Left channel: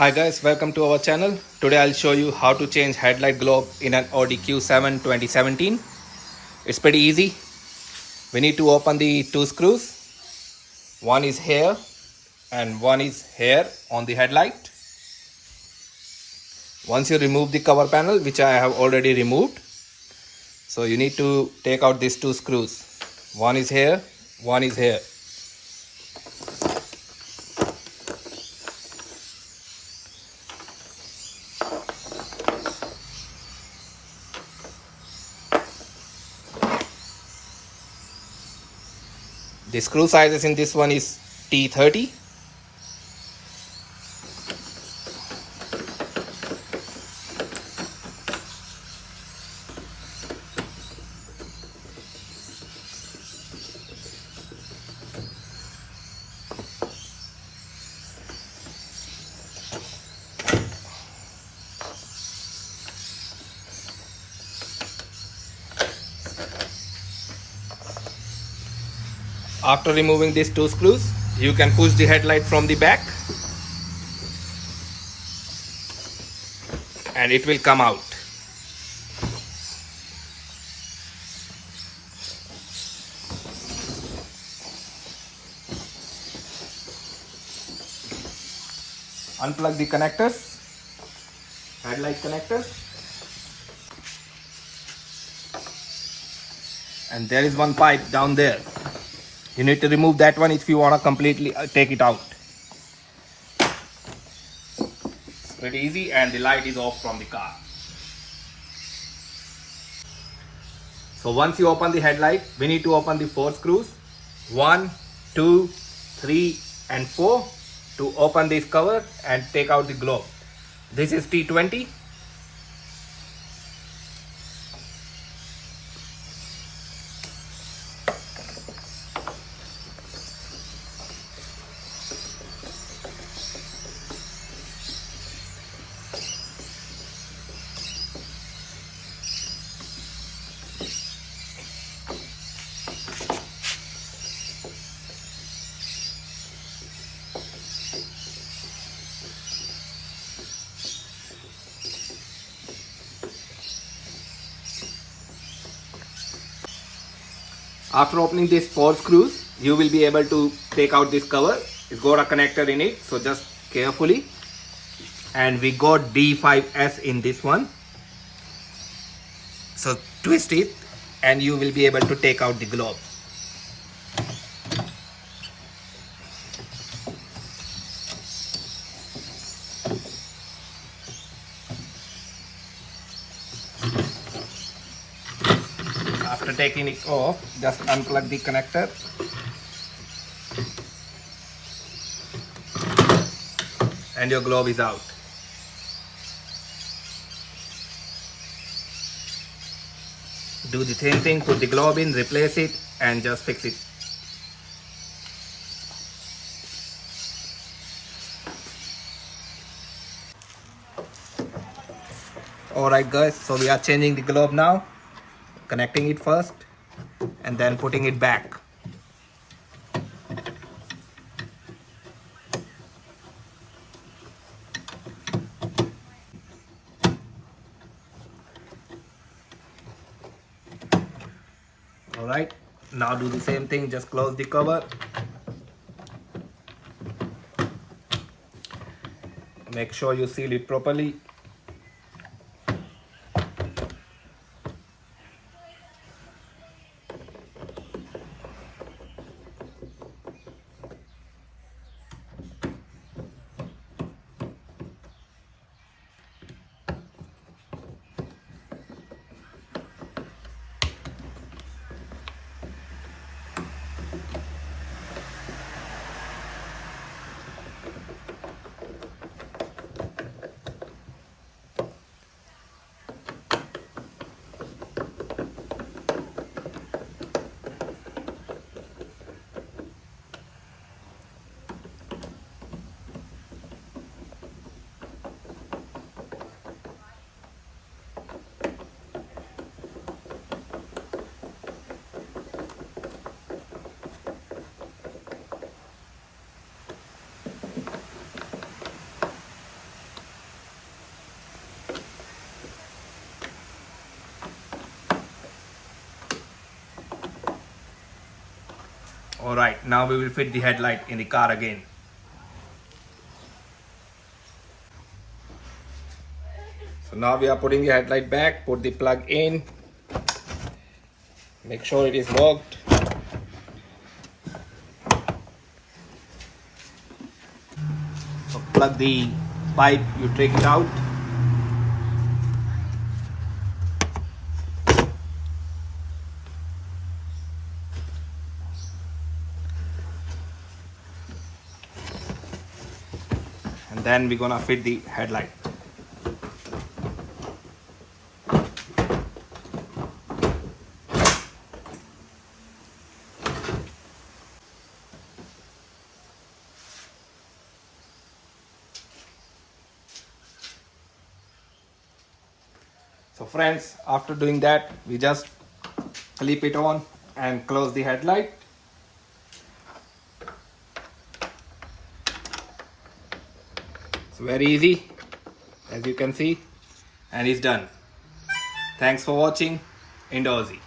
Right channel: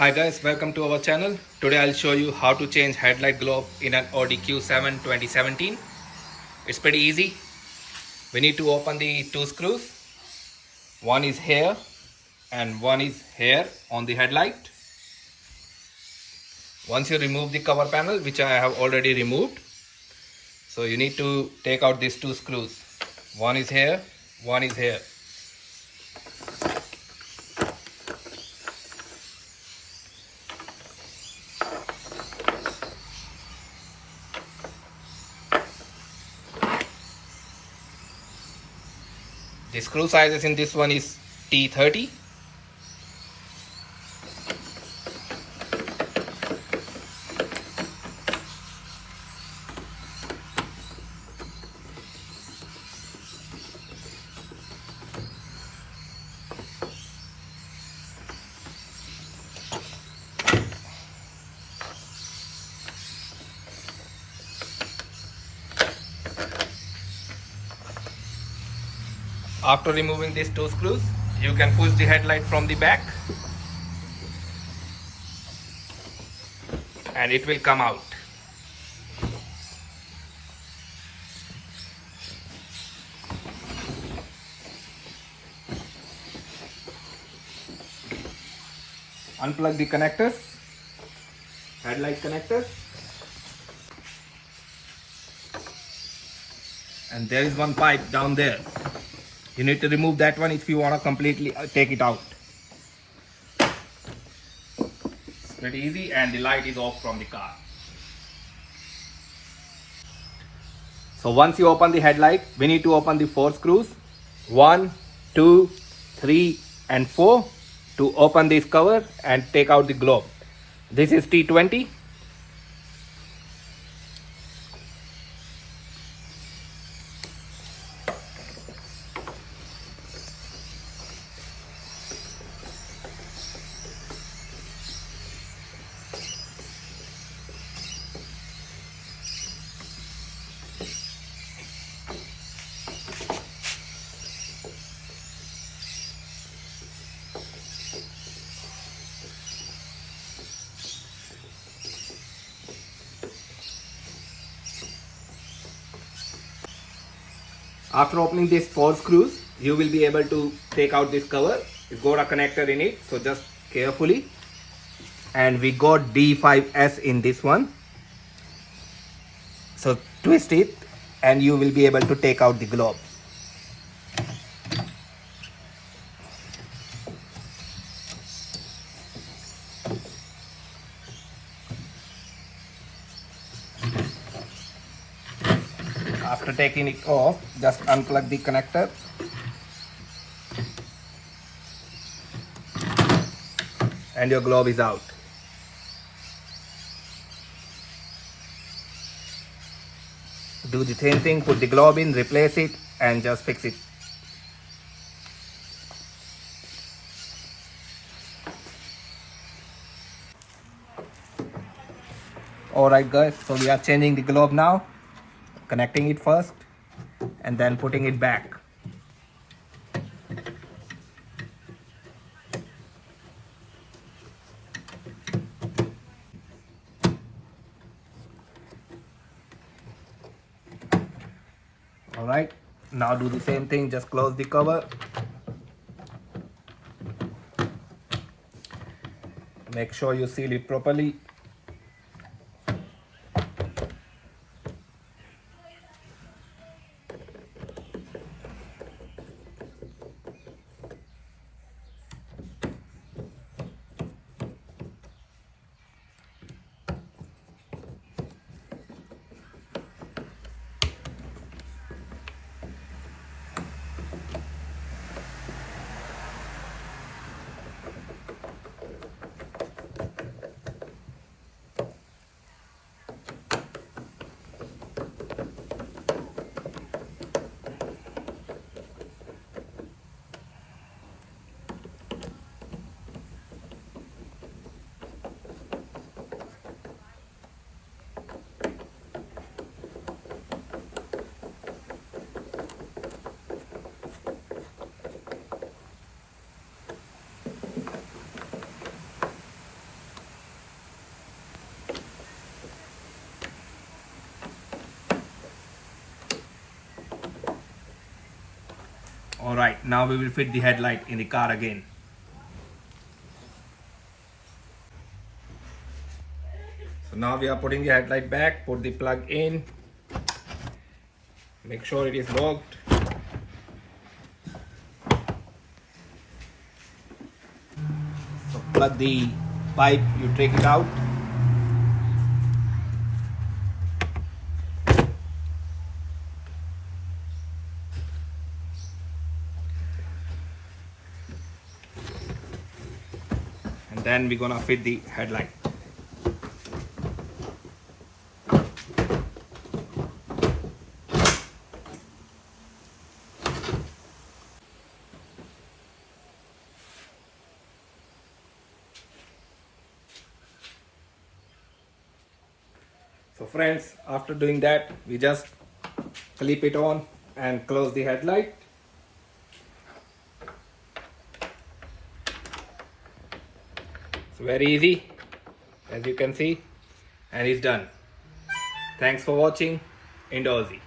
Hi guys, welcome to our channel. Today I'll show you how to change headlight globe in an Audi Q7 2017. It's pretty easy. We need to open the two screws. One is here and one is here on the headlight. Once you remove the cover panel, which I have already removed, so you need to take out these two screws. One is here, one is here. The screw sizes in this one is T30. After removing these two screws, you can push the headlight from the back and it will come out. Unplug the connectors, headlight connectors, and there is one pipe down there. You need to remove that one if you want to completely take it out. It's pretty easy, and the light is off from the car. So once you open the headlight, we need to open the 4 screws. 1, 2, 3 and 4 to open this cover and take out the globe. This is T20. After opening these 4 screws, you will be able to take out this cover. It's got a connector in it, so just carefully. And we got D5S in this one. So twist it and you will be able to take out the globe. After taking it off, just unplug the connector and your globe is out. Do the same thing, put the globe in, replace it and just fix it. Alright guys, so we are changing the globe now. Connecting it first and then putting it back. Alright, now do the same thing, just close the cover. Make sure you seal it properly. Alright, now we will fit the headlight in the car again. So now we are putting the headlight back, put the plug in, make sure it is locked. So plug the pipe, you take it out. And then we're gonna fit the headlight. So friends, after doing that, we just clip it on and close the headlight. It's very easy, as you can see, and it's done. Thanks for watching. Indoozy.